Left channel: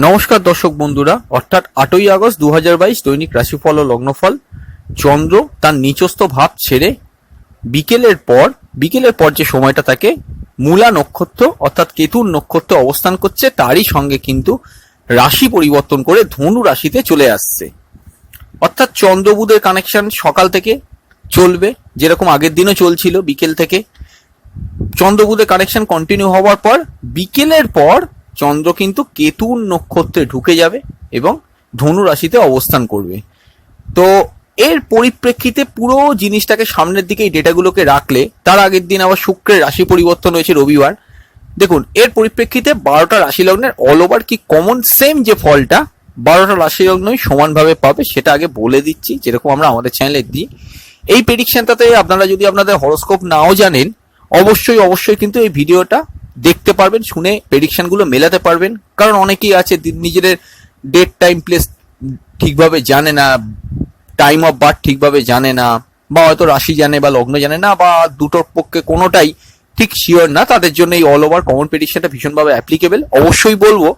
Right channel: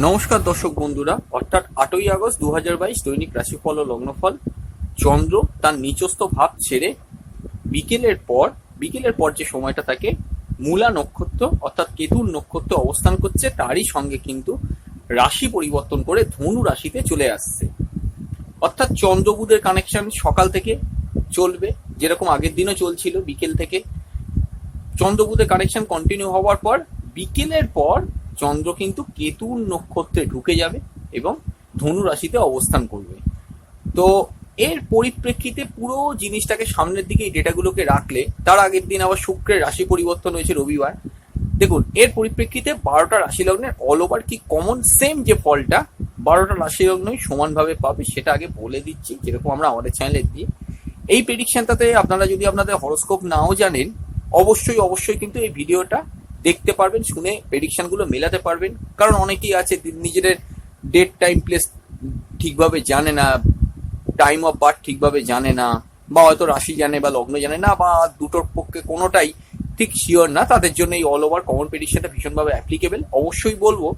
নমস্কার দর্শক বন্ধুরা, অর্থাৎ 8ই আগস্ট 2022 দৈনিক রাশিফল ও লগ্নফল। চন্দ্র তার নিচস্থ ভাব ছেড়ে বিকেলের পর যে সময়টা থাকে মূলা নক্ষত্র অর্থাৎ কেতুর নক্ষত্রে অবস্থান করছে, তারই সঙ্গে কিন্তু রাশি পরিবর্তন করে ধনু রাশিতে চলে আসছে। অর্থাৎ চন্দ্র বুধের কানেকশন সকাল থেকে চলবে, যেরকম আগের দিনও চলছিল। বিকেল থেকে চন্দ্র বুধের কানেকশন কন্টিনিউ হওয়ার পর বিকেলের পর চন্দ্র কিন্তু কেতুর নক্ষত্রে ঢুকে যাবে এবং ধনু রাশিতে অবস্থান করবে। তো এর পরিপ্রেক্ষিতে পুরো জিনিসটাকে সামনের দিকে এই ডেটাগুলোকে রাখলে, তার আগের দিন আবার শুক্রের রাশি পরিবর্তন হয়েছে রবিবার। দেখুন, এর পরিপ্রেক্ষিতে 12টা রাশি লগ্নের অল ওভার কি কমন সেম যে ফলটা 12টা রাশি লগ্নই সমানভাবে পাবে, সেটা আগে বলে দিচ্ছি, যেরকম আমরা আমাদের চ্যানেলে দিই। এই প্রেডিকশনটাতে আপনারা যদি আপনাদের হরোস্কোপ নাও জানেন, অবশ্যই কিন্তু এই ভিডিওটা দেখতে পারবেন, শুনে প্রেডিকশন গুলো মেলাতে পারবেন। কারণ অনেকেই আছে নিজেদের ডেট টাইম প্লেস ঠিকভাবে জানে না, টাইম অফ বার্থ ঠিকভাবে জানে না, বা হয়তো রাশি জানে বা লগ্ন জানে না, বা দুটোর পক্ষে কোনোটাই ঠিক শিওর না। তাদের জন্য এই অল ওভার কমন প্রেডিকশনটা ভীষণভাবে অ্যাপ্লিকেবল। অবশ্যই বলবো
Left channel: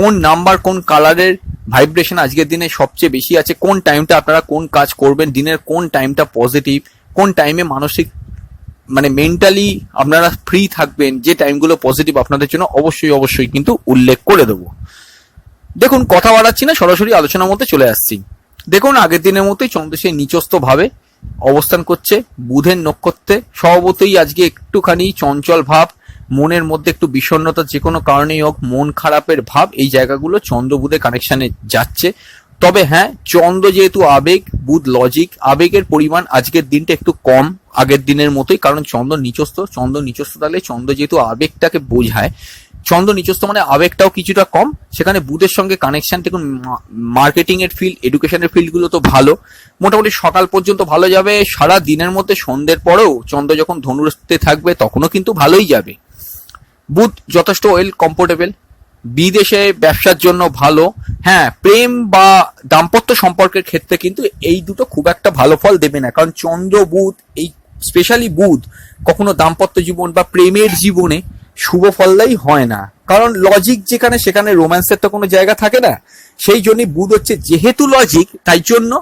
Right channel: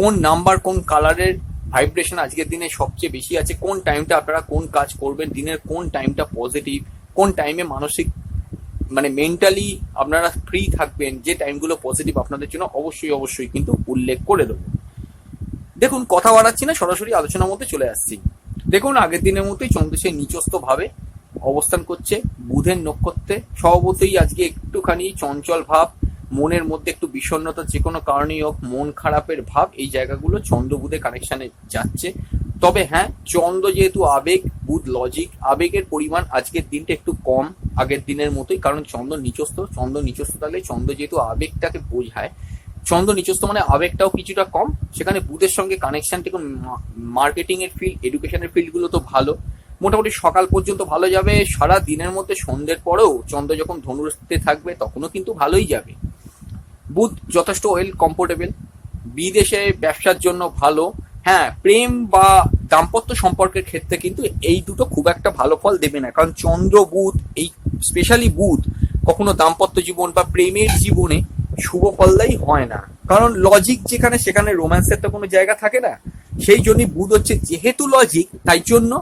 কোন নাম্বার কোন কালারের ভাইব্রেশন আজকের দিনে সবচেয়ে বেশি আছে, কোন টাইমটা আপনারা কোন কাজ করবেন, দিনের কোন টাইমটা পজিটিভ, কোন টাইমে মানসিক মেন্টালি আপনারা ফ্রি থাকবেন, যে টাইমগুলো পজিটিভ আপনাদের জন্য অবশ্যই কিন্তু উল্লেখ করে দেবো। দেখুন, কথা বাড়াচ্ছি না, সরাসরি আলোচনার মধ্যে চলে আসছি। দেখুন, আগের দিনের মতোই চন্দ্র সেই নিচস্থ ভাবে অবস্থান করছে বুধের নক্ষত্রে। স্বভাবতই আজকে একটুখানি চঞ্চল ভাব, মনের মধ্যে একটু বিষণ্ণতা, যে কোনো কারণেই হোক মন খারাপের ভাব, এই জায়গাগুলো চন্দ্র বুধের কানেকশনে যাচ্ছে। তবে হ্যাঁ, চন্দ্র যেহেতু আবেগ, বুধ লজিক, আবেগের পরিমাণ আজকের দিনটা একটু কম আগের দিনের মতোই। কারণ চন্দ্র নিচস্থ তাহলে চন্দ্র যেহেতু আবেগটাকে বোঝায়, চন্দ্র নিচস্থ মানে আবেগটাও কিছুটা কম। সেখানে বুধের সঙ্গে কানেকশন, দেখুন মার্কেটিং এর ফিল্ড, এডুকেশনের ফিল্ড গুলো তো ভালো, মোটামুটি সকাল পর্যন্ত ভালো যাবে। সারা দিনের মধ্যে সন্ধ্যের পরেও চন্দ্র যখন ধনুতে থাকবে তখনও কিন্তু ভালোই যাবে। বুধ যথেষ্ট ওয়েল কমফোর্টেবল, বিদেশে ব্যবসার জন্য ভালো। হ্যাঁ, প্রেম বা দাম্পত্য সম্পর্কের ক্ষেত্রে কিন্তু এই দুটো খুব একটা ভালো ফল দেবে না। কারণ চন্দ্র বুধ, এই স্পেশালি বুধ কখনো দাম্পত্য জীবন বা প্রেমের জীবনে শুভ ফলদায়ী হয় না। কারণ লজিক যেখানে, সেখানে রোম্যান্সের তো কোনো জায়গা থাকে না। সেই জন্যই বুধ হচ্ছে যেহেতু লজিক, তাই জন্য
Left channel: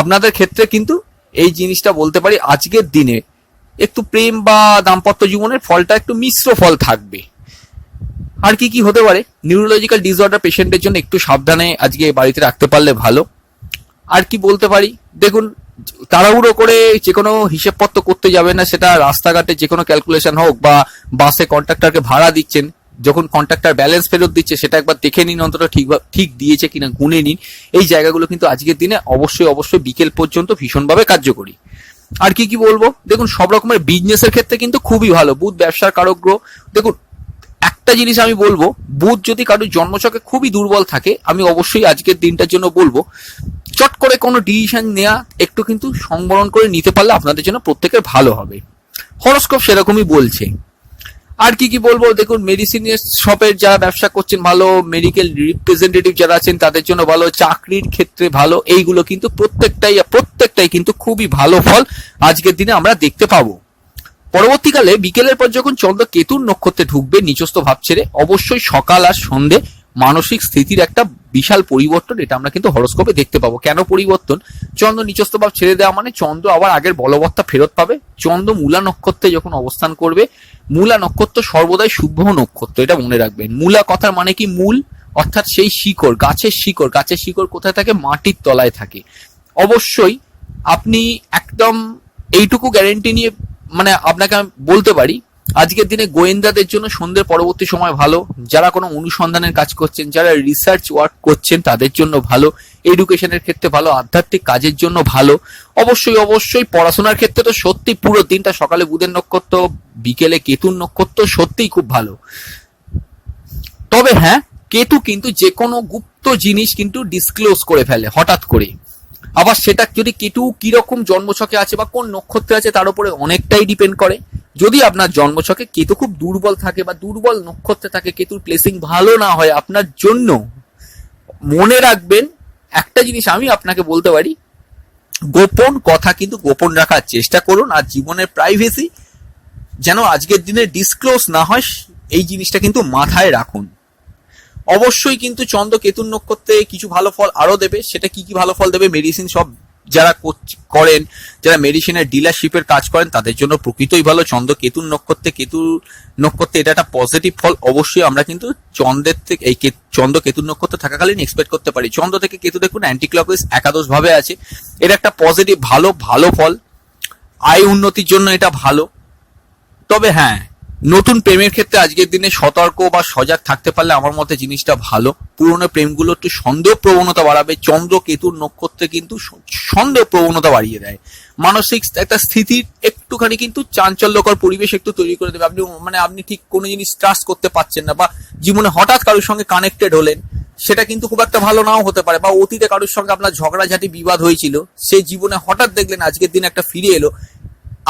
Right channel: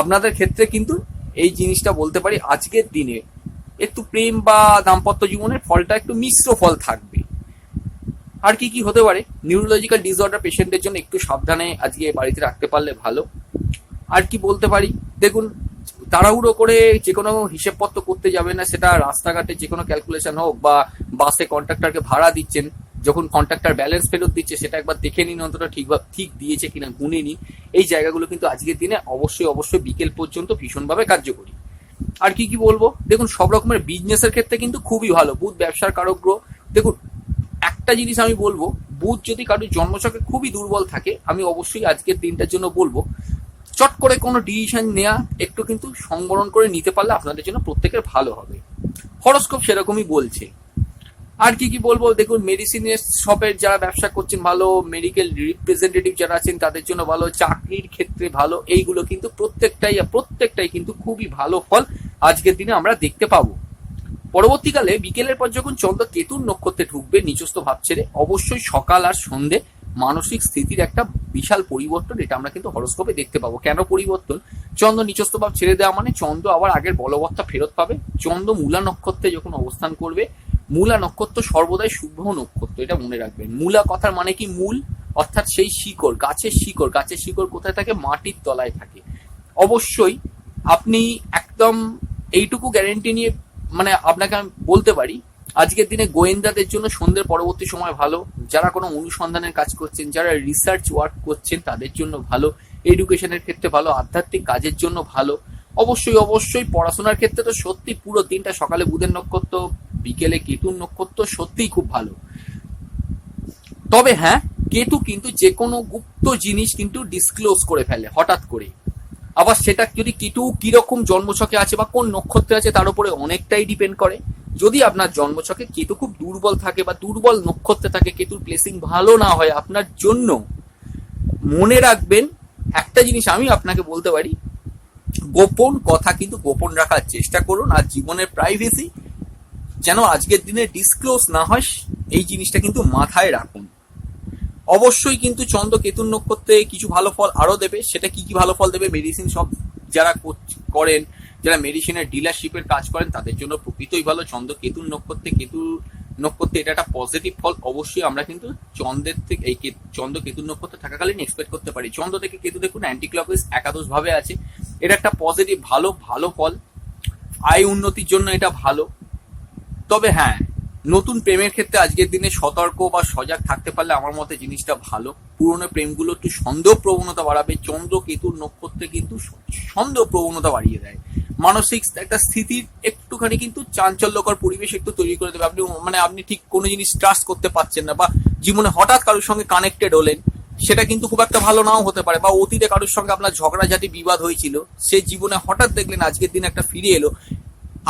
আপনাদের ক্ষেত্রে কিন্তু এই জিনিসটা বলতে পারি আজকের দিনে একটু প্রেম বা দাম্পত্য জীবনের ফলটা একটু মিশ্র ফল থাকবে। আর কি হতে পারে, নিউরোলজিক্যাল ডিসঅর্ডার পেশেন্টের জন্য একটু সাবধানে আজকে বাড়িতে রাখতে পারলে ভালো। আর কি বলতে পারি, দেখুন তাড়াহুড়ো করে যে কোনো হিসেবপত্র করতে যাবে না। সেটা রাস্তাঘাটে যে কোনো ক্যালকুলেশন হোক, বা বাসে কন্ট্রাক্টরকে ভাড়া দিচ্ছেন, যখন কন্ট্রাক্টর ব্যালেন্স ফেরত দিচ্ছে সেটা একবার দেখে নিন, অন্তত ঠিক দিয়েছে কিনা গুনে নিন। এই জায়গাগুলো কিন্তু আজকের দিনে অবশ্যই বিকেল পর্যন্ত ভীষণভাবে কার্যকরী। আর কি বলবো, দেখুন সব রকমের বিজনেসের ক্ষেত্রে কিন্তু খুবই ভালো। বুধ ব্যবসার কারক গ্রহ। দেখুন, একটা জিনিস আমি বলবো, বুধ যদি কারোর জন্মছকে খুবই দুর্বল থাকে, আমি অবশ্যই আজকের দিনটার জন্য বলবো চট করে কোনো ডিসিশন নেওয়া একটু কিন্তু সংবরণ করে নিতে পারলে আপনাদের জন্য প্রত্যেকের ভালো হবে। হরোস্কোপ সেরকমই বলছে। আর কি বলবো, দেখুন মেডিসিন শপের যারা ব্যবসা করছেন ভালো, মেডিকেল রিপ্রেজেন্টেটিভ যারা আছেন তাদের জন্য ভালো, চাকরির ক্ষেত্রে ভালো। এইগুলো কিন্তু প্রত্যেকটাই কিন্তু খুবই ভালো ফল আজকের দিনে আমরা দেখতে পাবো। পরবর্তীকালে বিকেলের পর যখন চন্দ্র কেতুর নক্ষত্রে ঢুকবে নিচস্থ ভাব ছেড়ে, অবশ্যই সকাল আর সন্ধে মানসিক স্থিতির একটা বিশাল পরিবর্তন, এটা আমরা কিন্তু হরোস্কোপে দেখতে পাবো। কেন পরিবর্তন? চন্দ্র নিচস্থ ভাব ছেড়ে দেওয়া মানে চন্দ্র আবার আগের বলবত্তা ফেরত পাবে। চন্দ্র মূলা নক্ষত্রে যখন অবস্থান করবে, মূলা নক্ষত্র সর্বদাই শুভ নক্ষত্র, এটা মনে রাখবেন। মূলা কথার মানে কি? মূল, অর্থাৎ সেই শিকড়, গাছের শিকড় কোথায় থাকে? মাটির তলায় থাকে। অবশ্যই আপনি একদম এইটুকু গ্যারেন্টি নিয়ে আপনাকে আমি বলতে পারি, আজকের দিনে গোয়েন্দাদের জন্য সন্ধ্যের পরবর্তী সময় ভালো। যারা কোনো অনুসন্ধানের কাজ করছেন, যারা রিসার্চ ওয়ার্ক করছেন তাদের জন্য ভালো। এডুকেশনের ক্ষেত্রে ভালো, আধ্যাত্মিক কাজের জন্য ভালো। অবশ্যই পড়াশোনার ক্ষেত্রে তো সত্যি পুরো দিনটা, সকালে বুধের নক্ষত্র, বিকেলে কেতুর নক্ষত্র, সত্যিই খুব ভালো। তবে হ্যাঁ, কেতু কিন্তু যে কোনো গুপ্ত জিনিস কিন্তু ডিসক্লোজ করে ফেলে হঠাৎ করে। আবার সেটা যদি কেতু কিরকম জন্মছকে আছে বা কোন নক্ষত্রে আছে তার উপরে অনেকটাই ডিপেন্ড করে। যদি আপনার জন্মছকে কেতু খুব দুর্বল থাকে বা দুর্বল নক্ষত্রে থাকে, কেতুর প্লেসিং ভালো না হয় আপনার জন্য, মনে রাখবেন একটা জিনিস আমি আপনাকে বলতে পারি, গোপন কথা কিন্তু গোপন রাখার চেষ্টা করুন। আর জীবনের প্রাইভেসি যেন আজকের দিনে ডিসক্লোজ না হয়, এই জিনিসটা কিন্তু মাথায় রাখুন। অবশ্যই কিন্তু চন্দ্র কেতুর নক্ষত্রে কিছু ভালো ফল আরো দেবে। সেটা কি কি ভালো ফল দেবে? মেডিসিন সব যারা করেন, যারা মেডিসিনের ডিলারশিপের কাজ করেন, তাদের জন্য প্রকৃতই ভালো। চন্দ্র কেতুর নক্ষত্রে এটা একটা পজিটিভ ফল অবশ্যই আমরা কিন্তু চন্দ্রের থেকে এই চন্দ্র কেতুর নক্ষত্র থাকাকালীন এক্সপেক্ট করতে পারি। চন্দ্র থেকে কেতু দেখুন অ্যান্টি ক্লকওয়াইজ একাদশ ভাবে আছে, এটা একটা পজিটিভ ভালো ফল। আয় উন্নতির জন্য এটা ভালো। তবে হ্যাঁ, নতুন প্রেমের ক্ষেত্রে আজকের দিনে সতর্ক বা সজাগ থাকতে পারলে আমার মতে জিনিসটা ভালো। পুরনো প্রেমগুলো একটু সন্দেহ প্রবণতা বাড়াবে। চন্দ্র কেতুর নক্ষত্রে কিন্তু সন্দেহ প্রবণতা বাড়িয়ে দেয়, মানসিক একটা স্থিতির একটুখানি কিন্তু চাঞ্চল্যকর পরিবেশ একটু তৈরি করে দেবে। আপনি ঠিক কোনো জিনিস ট্রাস্ট করতে পারছেন না, বা জীবনে হঠাৎ কারোর সঙ্গে কানেক্টেড হলেন, সেটা কিন্তু খুব একটা ভালো নাও হতে পারে। বা অতীতে কারোর সঙ্গে আপনার ঝগড়াঝাটি বিবাদ হয়েছিল, সেই জীবনে হঠাৎ দেখলেন আজকের দিন একটা ফিরে এলো।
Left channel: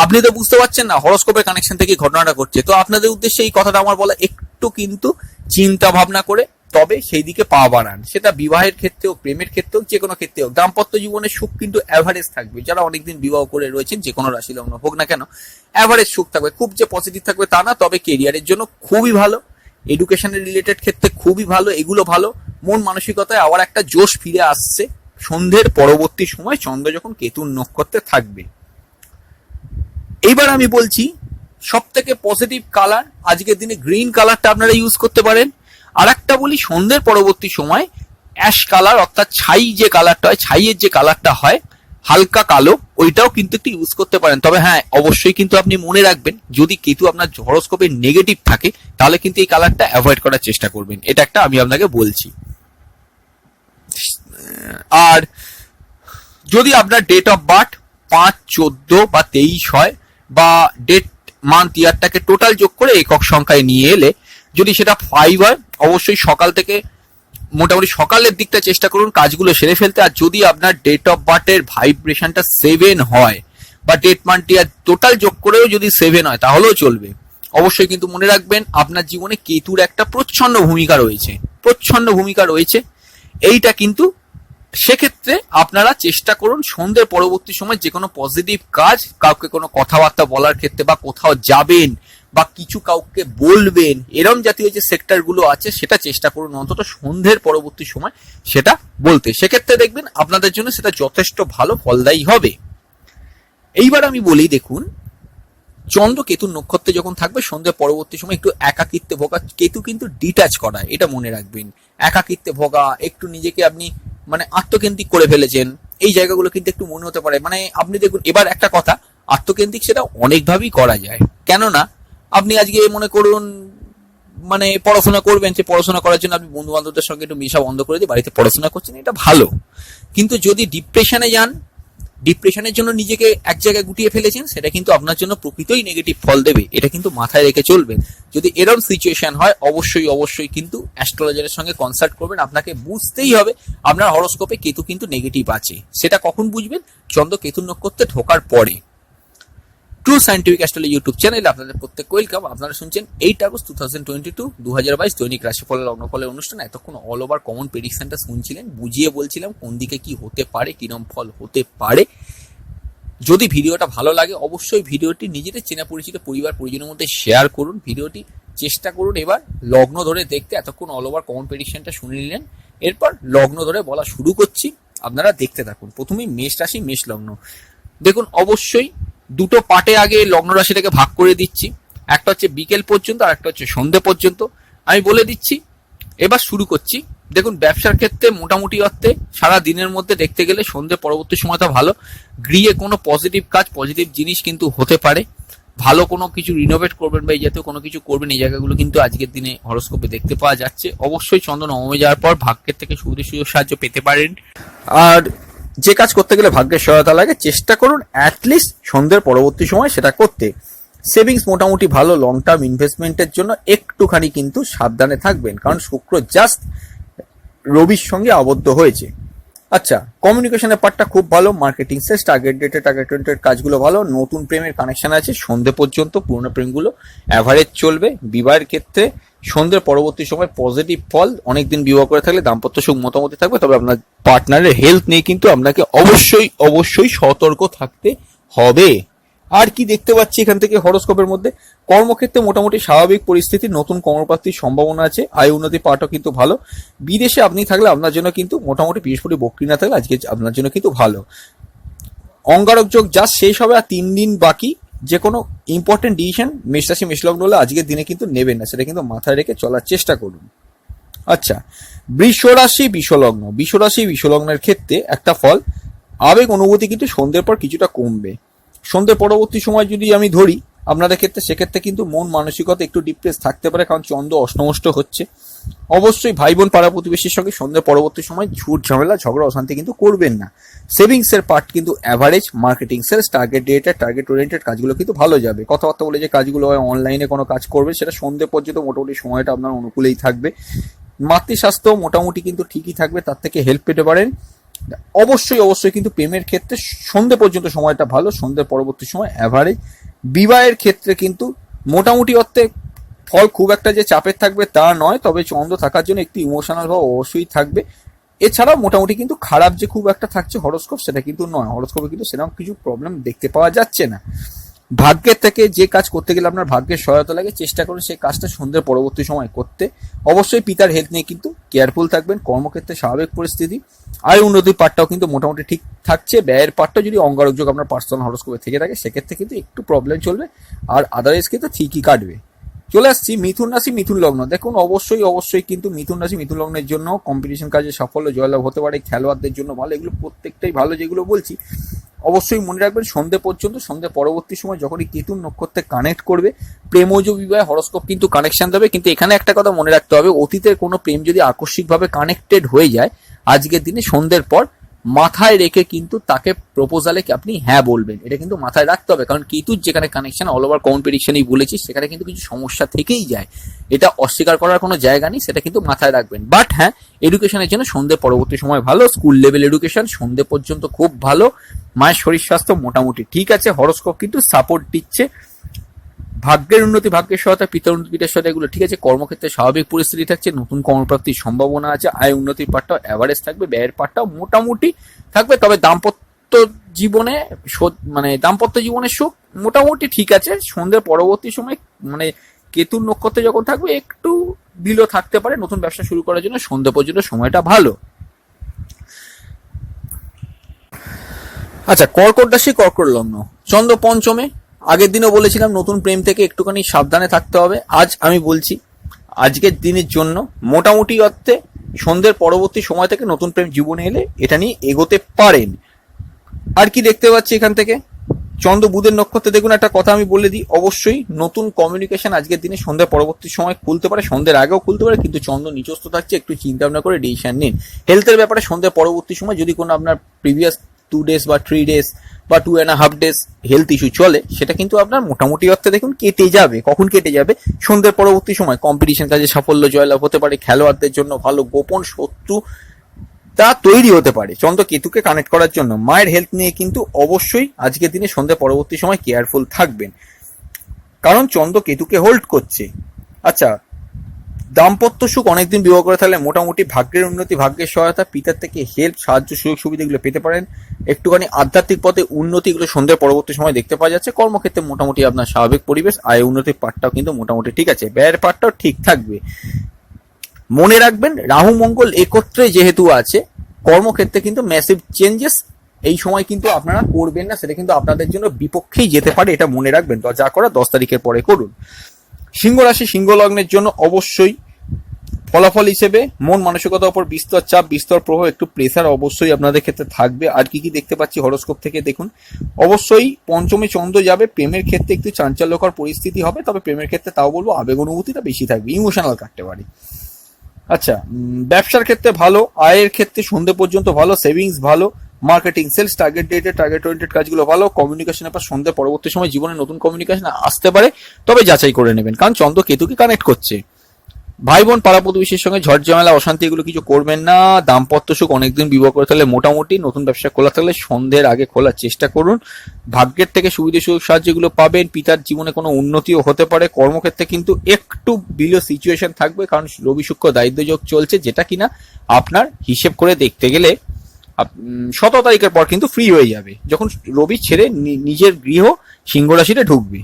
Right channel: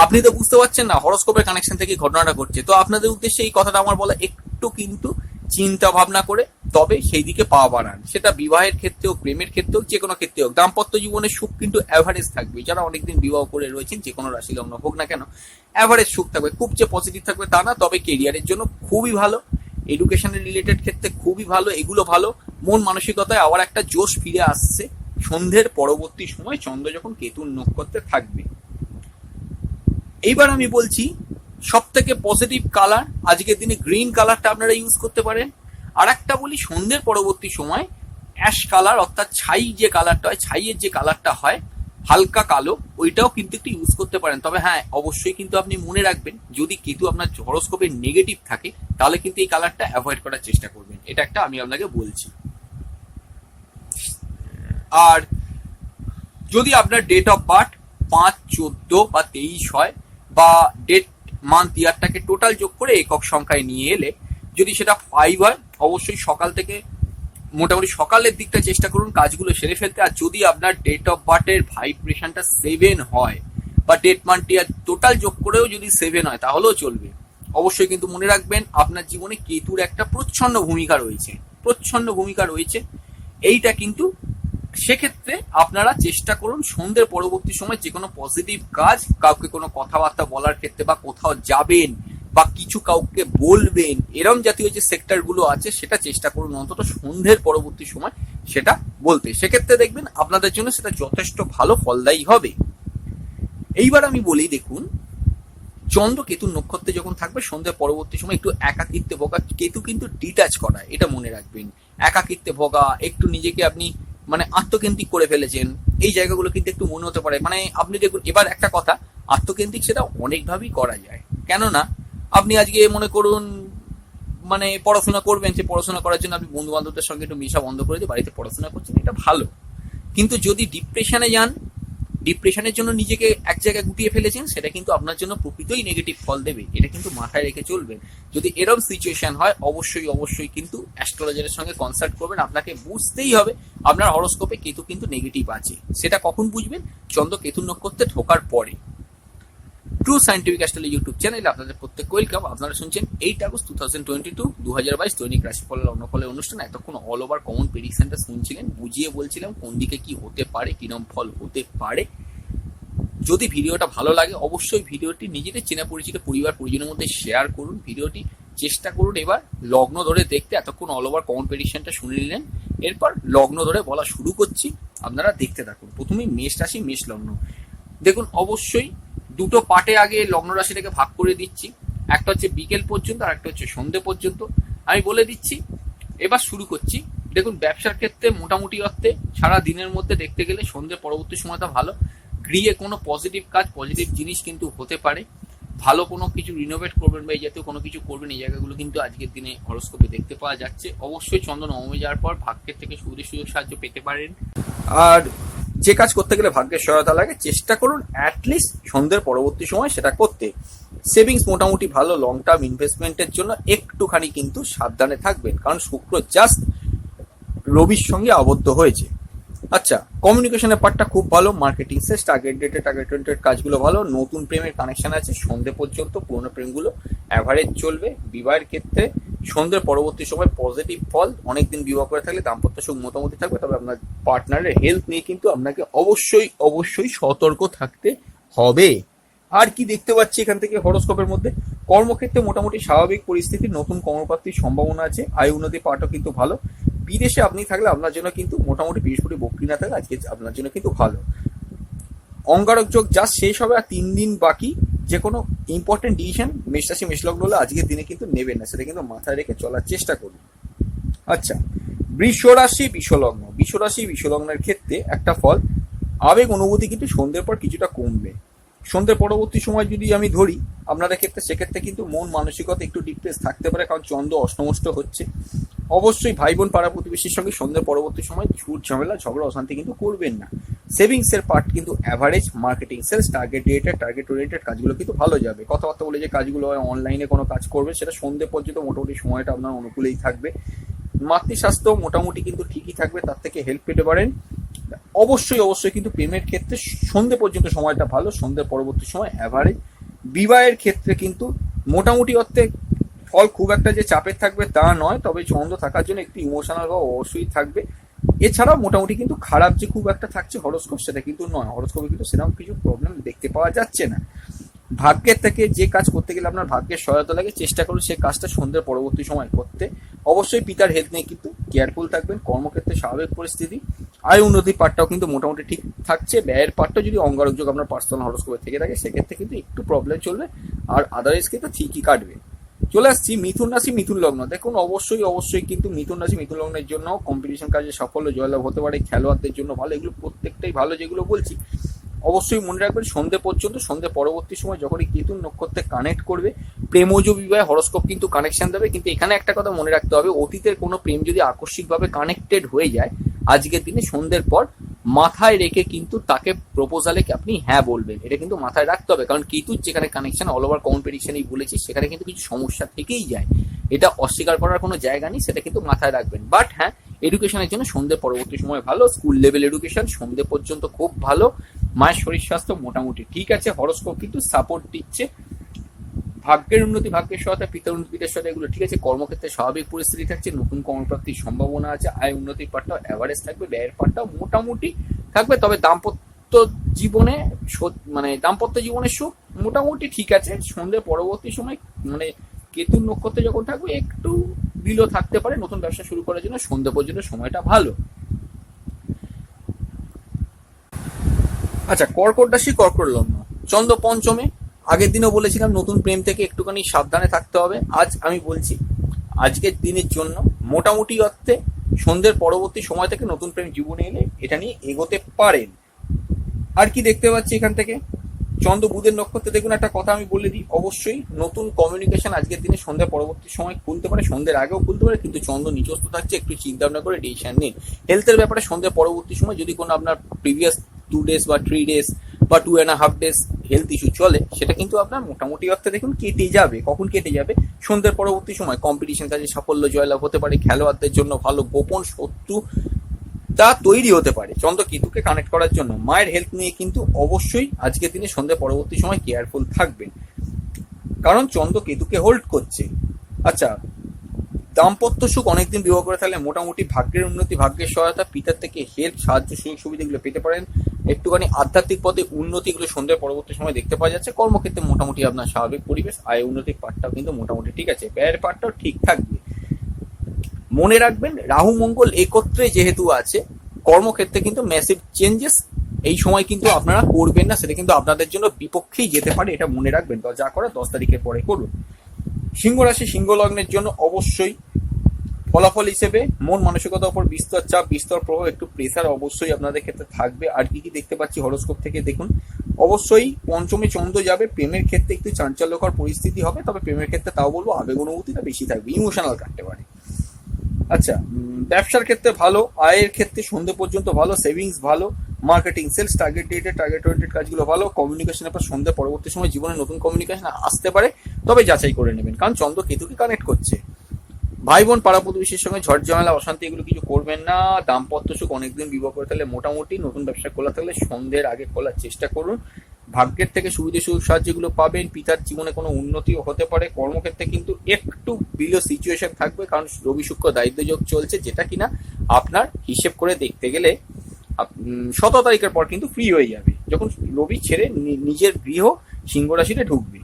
আপনি তো বুঝতে পারছেন না, হরোস্কোপের কানেকশন থেকে ঘটনাটা ঘটছে। তো আপনাদের উদ্দেশ্যে এই কথাটা আমার বলা, একটু কিন্তু চিন্তা ভাবনা করে তবে সেই দিকে পা বাড়ান। সেটা বিবাহের ক্ষেত্রে হোক, প্রেমের ক্ষেত্রে হোক, যে কোনো ক্ষেত্রে হোক। দাম্পত্য জীবনের সুখ কিন্তু অ্যাভারেজ থাকবে। যারা অনেকদিন বিবাহ করে রয়েছেন, যে কোনো রাশি লগ্ন হোক না কেন, অ্যাভারেজ সুখ থাকবে। খুব যে পজিটিভ থাকবে তা না, তবে কেরিয়ারের জন্য খুবই ভালো, এডুকেশনের রিলেটেড ক্ষেত্রে খুবই ভালো, এগুলো ভালো। মন মানসিকতায় আবার একটা জোশ ফিরে আসছে সন্ধ্যের পরবর্তী সময় চন্দ্র যখন কেতুর নক্ষত্রে থাকবে। এইবার আমি বলছি সব থেকে পজিটিভ কালার আজকের দিনে গ্রিন কালারটা আপনারা ইউজ করতে পারেন। আর একটা বলি, সন্ধ্যের পরবর্তী সময় অ্যাশ কালার, অর্থাৎ ছাই যে কালারটা হয়, ছাইয়ের যে কালারটা হয় হালকা কালো, ওইটাও কিন্তু একটু ইউজ করতে পারেন। তবে হ্যাঁ, অবশ্যই কিন্তু আপনি মনে রাখবেন, যদি কেতু আপনার হরোস্কোপে নেগেটিভ থাকে তাহলে কিন্তু এই কালারটা অ্যাভয়েড করার চেষ্টা করবেন। এটা একটা আমি আপনাকে বলছি। আর যদি আপনার ডেট অফ বার্থ 5, 14 বা 23 হয়, বা ডেট মান্থ ইয়ারটাকে টোটাল যোগ করে একক সংখ্যায় নিয়ে এলে যদি সেটা 5 হয়, অবশ্যই সকাল থেকে মোটামুটি সকালের দিকটা চেষ্টা করুন কাজগুলো সেরে ফেলতে। আর যদি আপনার ডেট অফ বার্থের ভাইব্রেশনটা 7 হয়, বা ডেট মান্থ ইয়ার টোটাল যোগ করেও যদি 7 হয়, তাহলেও চলবে। অবশ্যই কিন্তু মনে রাখবেন, আপনার জীবনে কেতুর একটা প্রচ্ছন্ন ভূমিকা রয়েছে। এইটা কিন্তু সেক্ষেত্রে আপনারা চেষ্টা করুন সন্ধ্যের পরবর্তী সময় যে কোনো পজিটিভ কাজ, কাউকে কোনো কথাবার্তা বলার ক্ষেত্রে, বা কোথাও যাবেন বা কিছু কাউকে বলবেন, এরম জাতীয় যে সেক্টরগুলো আছে সেটা চেষ্টা করুন অন্তত সন্ধ্যের পরবর্তী সময় সেটা বলতে। সেক্ষেত্রে দেখবেন আপনাদের জন্য সেটা যথেষ্ট ভালো ফলদায়ী হবে। এইবার আমি বলি, দেখুন চন্দ্র কেতুর নক্ষত্রে যখন থাকবে সন্ধ্যের পরবর্তী সময় একটু একাকিত্বে ভোগা, কেতু কিন্তু ডিটাচ করা, এটা মনে রাখবেন। একাকিত্বে ভোগা, একটু নিজেকে আপনি আত্মকেন্দ্রিক করে ফেলেছেন, এই জায়গাগুলো কিন্তু একটু মনে হতে পারে। আপনি দেখুন, এবার একটা কথা, আত্মকেন্দ্রিক সেটা অনেকভাবেই করা যায়। কেননা আপনি আজকে মনে করুন পড়াশোনা করবেন, যে পড়াশোনা করার জন্য আপনি বন্ধু বান্ধবদের সঙ্গে একটু মেশা বন্ধ করে দিয়ে বাড়িতে পড়াশোনা করছেন, এটা ভালো। কিন্তু যদি ডিপ্রেশনে যান, ডিপ্রেশনের জন্য নিজেকে এক জায়গায় গুটিয়ে ফেলেছেন, সেটা কিন্তু আপনার জন্য প্রকৃতই নেগেটিভ ফল দেবে। এটা কিন্তু মাথায় রেখে চলবেন। যদি এরকম সিচুয়েশন হয়, অবশ্যই কিন্তু অ্যাস্ট্রোলজারের সঙ্গে কনসাল্ট করবেন। আপনাকে বুঝতেই হবে আপনার হরোস্কোপে কেতু কিন্তু নেগেটিভ আছে। সেটা কখন বুঝবেন? চন্দ্র কেতু নক্ষত্রে ঢোকার পরে। ট্রু সায়েন্টিফিক অ্যাস্ট্রোলজি ইউটিউব চ্যানেলে আপনাদের প্রত্যেক ওয়েলকাম। আপনারা শুনছেন 8 আগস্ট 2022 দৈনিক রাশিফল লগ্নফলের অনুষ্ঠান। এতক্ষণ অল ওভার কমন প্রেডিকশনটা শুনছিলেন, বুঝিয়ে বলছিলাম কোন দিকে কি হতে পারে, কিরম ফল হতে পারে। যদি ভিডিওটা ভালো লাগে, অবশ্যই ভিডিওটি নিজেদের চেনা পরিচিত পরিবার পরিজনের মধ্যে শেয়ার করুন। ভিডিওটি চেষ্টা করুন এবার লগ্ন ধরে দেখতে। এতক্ষণ অল ওভার কমন প্রেডিকশনটা শুনে নিলেন, এরপর লগ্ন ধরে বলা শুরু করছি, আপনারা দেখতে থাকুন। প্রথমেই মেষ রাশি, মেষ লগ্ন। দেখুন, অবশ্যই দুটো পার্টে আগে লগ্ন রাশিটাকে ভাগ করে দিচ্ছি। একটা হচ্ছে বিকেল পর্যন্ত, আর একটা হচ্ছে সন্ধ্যে পর্যন্ত। আমি বলে দিচ্ছি, এবার শুরু করছি। দেখুন, ব্যবসার ক্ষেত্রে মোটামুটি অর্থে সারা দিনের মধ্যে দেখতে গেলে সন্ধ্যে পরবর্তী সময়টা ভালো। গৃহে কোনো পজিটিভ কাজ, পজিটিভ জিনিস কিন্তু হতে পারে। ভালো কোনো কিছু রিনোভেট করবেন বা এই জাতীয় কোনো কিছু করবেন, এই জায়গাগুলো কিন্তু আজকের দিনে হরোস্কোপে দেখতে পাওয়া যাচ্ছে। অবশ্যই চন্দ্র নবমে যাওয়ার পর ভাগ্যের থেকে সুযোগ সাহায্য পেতে পারেন। আর যে কাজ করতে গেলে ভাগ্যের সহায়তা লাগে, চেষ্টা করুন অ্যাটলিস্ট সন্ধ্যের পরবর্তী সময় সেটা করতে। সেভিংস মোটামুটি ভালো। লং টার্ম ইনভেস্টমেন্টের জন্য একটুখানি কিন্তু সাবধানে থাকবেন, কারণ শুক্র জাস্ট রবির সঙ্গে আবদ্ধ হয়েছে। আচ্ছা, কমিউনিকেশনের পার্টটা খুব ভালো। মার্কেটিং সেলস, টার্গেটেড কাজগুলো ভালো। নতুন প্রেমের কানেকশন আছে সন্ধ্যে পর্যন্ত, পুরনো প্রেমগুলো অ্যাভারেজ চলবে। বিবাহের ক্ষেত্রে সন্ধ্যের পরবর্তী সময় পজিটিভ ফল। অনেকদিন বিবাহ করে থাকলে দাম্পত্য সুখ মোটামুটি থাকবে। তবে আপনার পার্টনারের হেলথ নিয়ে কিন্তু আপনাকে অবশ্যই সতর্ক থাকতে হবে। আর কি দেখতে পাচ্ছি এখান থেকে হরোস্কোপের মধ্যে, কর্মক্ষেত্রে মোটামুটি স্বাভাবিক পরিস্থিতি, নতুন কর্মপ্রাপ্তির সম্ভাবনা আছে, আয় উন্নতি পাওয়াটাও কিন্তু ভালো। বিদেশে আপনি থাকলে আপনার জন্য কিন্তু মোটামুটি বৃহস্পতি বক্রী না থাকলে আজকে আপনার জন্য কিন্তু ভালো। অঙ্গারক যোগ যা শেষ হবে আর 3 দিন বাকি, যে কোনো ইম্পর্টেন্ট ডিসিশন মেষ রাশি মেষ লগ্ন হলে আজকের দিনে কিন্তু নেবেন না, সেটা কিন্তু মাথায় রেখে চলার চেষ্টা করুন। আচ্ছা, বৃষ রাশি বিষ লগ্নের ক্ষেত্রে একটা ফল, আবেগ অনুভূতি কিন্তু সন্ধ্যের পর কিছুটা কমবে। সন্ধ্যের পরবর্তী সময় যদি আমি ধরি আপনাদের ক্ষেত্রে, সেক্ষেত্রে কিন্তু মন মানসিকতা একটু ডিপ্রেস থাকতে পারে, কারণ চন্দ্র অষ্টমষ্ট হচ্ছে। অবশ্যই ভাই বোন পাড়া প্রতিবেশীর সঙ্গে সন্ধ্যের পরবর্তী সময় ঝুট ঝামেলা ঝগড়া অশান্তি কিন্তু করবেন না। সেভিংস এর পার্ট কিন্তু average, marketing sales target dated target oriented কাজগুলো কিন্তু ভালো যাবে। কথাবার্তা বলে যে কাজগুলো হয় অনলাইনে কোনো কাজ করবে, সেটা সন্ধ্যে পর্যন্ত মোটামুটি সময়টা আপনার অনুকূলেই থাকবে। মাতৃস্বাস্থ্য মোটামুটি কিন্তু ঠিকই থাকবে, তার থেকে হেল্প পেতে পারেন। অবশ্যই কিন্তু প্রেমের ক্ষেত্রে সন্ধ্যে পর্যন্ত সময়টা ভালো, সন্ধ্যের পরবর্তী সময় অ্যাভারেজ। বিবাহের ক্ষেত্রে কিন্তু মোটামুটি অর্থে ফল খুব একটা যে চাপের থাকবে তা নয়, তবে চন্দ্র থাকার জন্য একটু ইমোশনাল ভাব অবশ্যই থাকবে। এছাড়াও মোটামুটি কিন্তু খারাপ যে খুব একটা থাকছে হরোস্কোপ, সেটা কিন্তু নয়। হরোস্কোপে কিন্তু সেরকম কিছু প্রবলেম দেখতে পাওয়া যাচ্ছে না। ভাগ্যের থেকে যে কাজ করতে গেলে আপনার ভাগ্যের সহায়তা লাগে, চেষ্টা করুন সেই কাজটা সন্ধ্যের পরবর্তী সময় করতে। অবশ্যই পিতার হেলথ নিয়ে কিন্তু কেয়ারফুল থাকবেন। কর্মক্ষেত্রে স্বাভাবিক পরিস্থিতি, আয় উন্নতির পার্টটাও কিন্তু মোটামুটি ঠিক থাকছে। ব্যয়ের পার্টটা যদি অঙ্গারক যোগ আপনার পার্সোনাল হরোস্কোপে থেকে থাকে, সেক্ষেত্রে কিন্তু একটু প্রবলেম চলবে, আর আদারওয়াইজ কিন্তু ঠিকই কাটবে। চলে আসছি মিথুন রাশি মিথুন লগ্ন। দেখুন অবশ্যই কিন্তু মিথুন রাশি মিথুন লগ্নের জন্য কম্পিটিশন কাজে সাফল্য জয়লাভ হতে পারে, খেলোয়াড়দের জন্য ভালো, এগুলো প্রত্যেকটাই ভালো যেগুলো বলছি। অবশ্যই মনে রাখবেন সন্ধ্যে পর্যন্ত, সন্ধ্যে পরবর্তী সময় যখনই কেতুন নক্ষত্রে কানেক্ট করবে, প্রেমজ বিবাহে হরোস্কোপ কিন্তু কানেকশন দেবে। কিন্তু এখানে একটা কথা মনে রাখতে হবে, অতীতের কোনো প্রেম যদি আকস্মিকভাবে কানেক্টেড হয়ে যায়, আজকের দিনে সন্ধ্যের পর মাথায় রেখে কিন্তু তাকে প্রপোজালে আপনি হ্যাঁ বলবেন, এটা কিন্তু মাথায় রাখতে হবে। কারণ কেতুর যেখানে কানেকশন, অল ওভার কম্পিটিশনই বলেছি, সেখানে কিন্তু কিছু সমস্যা থেকেই যায়, এটা অস্বীকার করার কোনো জায়গা নেই, সেটা কিন্তু মাথায় রাখবেন। বাট হ্যাঁ, এডুকেশনের জন্য সন্ধ্যে পরবর্তী সময় ভালো, স্কুল লেভেল এডুকেশন সন্ধ্যে পর্যন্ত খুব ভালো। মায়ের শরীর স্বাস্থ্য মোটামুটি ঠিক আছে, হরোস্কোপ কিন্তু সাপোর্ট দিচ্ছে। ভাগ্যের উন্নতি ভাগ্যের সহায়তা, পিতার উন্নতি পিতার সহায়তা, এগুলো ঠিক আছে। কর্মক্ষেত্রে স্বাভাবিক পরিস্থিতি থাকছে, নতুন কর্মপ্রাপ্তির সম্ভাবনা আছে, আয় উন্নতির পার্টটাও অ্যাভারেজ থাকবে, ব্যয়ের পার্টটাও মোটামুটি থাকবে। তবে দাম্পত্য জীবনের সুখ মোটামুটি ঠিক আছে। সন্ধ্যের পরবর্তী সময় মানে কেতুর নক্ষত্রে যখন থাকবে একটু বিলো থাকতে পারে। নতুন ব্যবসা শুরু করার জন্য সন্ধ্যা পর্যন্ত সময়টা ভালো। আচ্ছা, কর্কট রাশি কর্কট লগ্ন, চন্দ্র পঞ্চমে। আগের দিনও বলেছিলাম নতুন প্রেম থেকে একটুখানি সাবধানে থাকতে হবে। আজ আমি বলছি আজকের দিনের জন্য মোটামুটি অর্থে সন্ধ্যের পরবর্তী সময় থেকে নতুন প্রেম জীবনে এলে এটা নিয়ে এগোতে পারেন। আর কি দেখতে পাচ্ছি এখান থেকে, চন্দ্র বুধের নক্ষত্রে দেখুন, একটা কথা আমি বলে দিই, অবশ্যই নতুন কমিউনিকেশন আজকের দিনে সন্ধ্যার পরবর্তী সময় খুলতে পারে, সন্ধ্যের আগেও খুলতে পারে, কিন্তু চন্দ্র নিচস্থ থাকছে, একটু চিন্তা ভাবনা করে ডিসিশন নিন। হেলথের ব্যাপারে সন্ধ্যার পরবর্তী সময় যদি কোনো আপনার প্রিভিয়াস 2 days বা 3 days বা 2.5 days হেলথ ইস্যু চলে, সেটা কিন্তু আপনার মোটামুটি অর্থে দেখুন কেটে যাবে। কখন কেটে যাবে? সন্ধ্যের পরবর্তী সময়। কম্পিটিশন কাজে সাফল্য জয়লাভ হতে পারে, খেলোয়াড়দের জন্য ভালো, গোপন শত্রু তা তৈরি হতে পারে চন্দ্র কেতুকে কানেক্ট করার জন্য। মায়ের হেলথ নিয়ে কিন্তু অবশ্যই আজকের দিনে সন্ধ্যা পরবর্তী সময় কেয়ারফুল থাকবেন, কারণ চন্দ্র কেতুকে হোল্ড করছে। আচ্ছা, দাম্পত্য সুখ অনেকদিন বিবাহ করে থাকলে মোটামুটি ভাগ্যের উন্নতি ভাগ্যের সহায়তা, পিতার থেকে হেল্প সাহায্য সুযোগ সুবিধা এগুলো পেতে পারেন। একটুখানি আধ্যাত্মিক পথে উন্নতি এগুলো সন্ধ্যার পরবর্তী সময় দেখতে পাওয়া যাচ্ছে। কর্মক্ষেত্রে মোটামুটি আপনার স্বাভাবিক পরিবেশ, আয় উন্নতির পার্টটাও কিন্তু মোটামুটি ঠিক আছে, ব্যয়ের পার্টটাও ঠিক থাকবে। মনে রাখবেন রাহু মঙ্গল একত্রে যেহেতু আছে, কর্মক্ষেত্রে কিন্তু ম্যাসিভ চেঞ্জেস এই সময় কিন্তু আপনারা করবেন না, সেটা কিন্তু আপনাদের জন্য বিপক্ষেই যেতে পারে, এটা মনে রাখবেন। তো যা করা 10 তারিখের পরে করুন। সিংহ রাশি সিংহ লগ্নের জন্য অবশ্যই ফলাফল হিসেবে মন মানসিকতার উপর বিস্তর চাপ বিস্তর প্রভাব, একটু প্রেসার অবশ্যই আপনাদের ক্ষেত্রে থাকবে। আর কি কি দেখতে পাচ্ছি হরোস্কোপ থেকে দেখুন, অবশ্যই পঞ্চমে চন্দ্র যাবে, প্রেমের ক্ষেত্রে একটু চাঞ্চল্যকর পরিস্থিতি হবে, তবে প্রেমের ক্ষেত্রে তাও বলবো আবেগ অনুভূতিটা বেশি থাকবে, ইমোশনাল কাটতে পারে। আচ্ছা, ব্যবসার ক্ষেত্রে ভালো, আয়ের ক্ষেত্রে সন্ধ্যে পর্যন্ত ভালো, সেভিংস ভালো, marketing sales target dated target oriented কাজগুলো ভালো। কমিউনিকেশনের পর সন্ধ্যে পরবর্তী সময় জীবনে নতুন কমিউনিকেশন আসতে পারে, তবে যাচাই করে নেবেন, কারণ চন্দ্র কেতুকে কানেক্ট করছে। ভাই বোন পাড়া প্রতিবেশীর সঙ্গে ঝড় ঝামেলা অশান্তি এগুলো কিছু করবেন না। দাম্পত্য সুখ অনেকদিন বিবাহ করে থাকলে মোটামুটি, নতুন ব্যবসা খোলা থাকলে সন্ধ্যের আগে খোলার চেষ্টা করুন। ভাগ্যের থেকে সুবিধা সুযোগ সাহায্যগুলো পাবেন, পিতার জীবনে কোনো উন্নতিও হতে পারে। কর্মক্ষেত্রে কিন্তু একটু বিলো সিচুয়েশন থাকবে, কারণ রবি শুক্র দায়িত্ব যোগ চলছে, যেটা কিনা আপনার হিসেব করে দেখতে গেলে 17 তারিখের পর কিন্তু ফ্রি হয়ে যাবে, যখন রবি ছেড়ে নিজের গৃহ সিংহ রাশিতে ঢুকবে।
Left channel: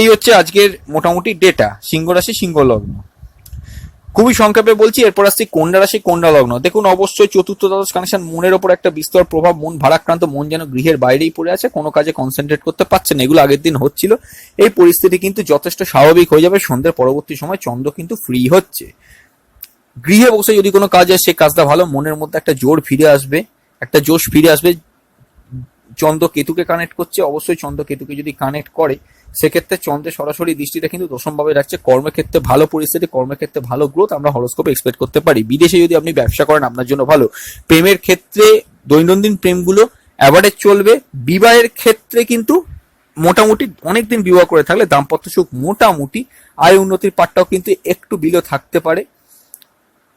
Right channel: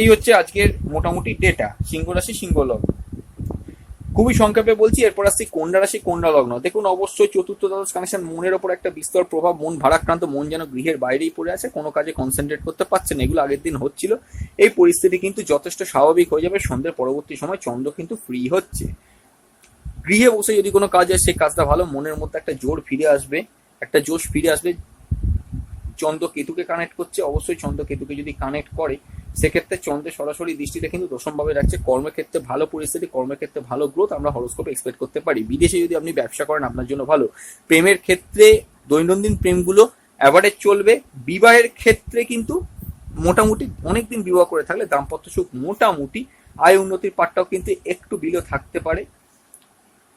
এই হচ্ছে আজকের মোটামুটি ডেটা সিংহ রাশি সিংহ লগ্ন। খুবই সংক্ষেপে বলছি, এরপর আসছি কন্যা রাশি কন্যা লগ্ন। দেখুন অবশ্যই চতুর্থ দ্বাদশ কানেকশন মনের ওপর একটা বিস্তর প্রভাব, মন ভারাক্রান্ত, মন যেন গৃহের বাইরেই পড়ে আছে, কোনো কাজে কনসেন্ট্রেট করতে পারছে না, এগুলো আগের দিন হচ্ছিল। এই পরিস্থিতি কিন্তু যথেষ্ট স্বাভাবিক হয়ে যাবে সন্ধ্যের পরবর্তী সময়, চন্দ্র কিন্তু ফ্রি হচ্ছে। গৃহে বসে যদি কোনো কাজ হয় সেই কাজটা ভালো, মনের মধ্যে একটা জোর ফিরে আসবে, একটা জোশ ফিরে আসবে। চন্দ্র কেতুকে কানেক্ট করছে, অবশ্যই চন্দ্র কেতুকে যদি কানেক্ট করে সেক্ষেত্রে চন্দ্রের সরাসরি দৃষ্টিটা কিন্তু দশমভাবে রাখছে। কর্মক্ষেত্রে ভালো পরিস্থিতি, কর্মক্ষেত্রে ভালো গ্রোথ আমরা হরোস্কোপে এক্সপেক্ট করতে পারি। বিদেশে যদি আপনি ব্যবসা করেন আপনার জন্য ভালো। প্রেমের ক্ষেত্রে দৈনন্দিন প্রেমগুলো অ্যাভারেজ চলবে। বিবাহের ক্ষেত্রে কিন্তু মোটামুটি অনেকদিন বিবাহ করে থাকলে দাম্পত্য সুখ মোটামুটি, আয় উন্নতির পাটটাও কিন্তু একটু বিলো থাকতে পারে,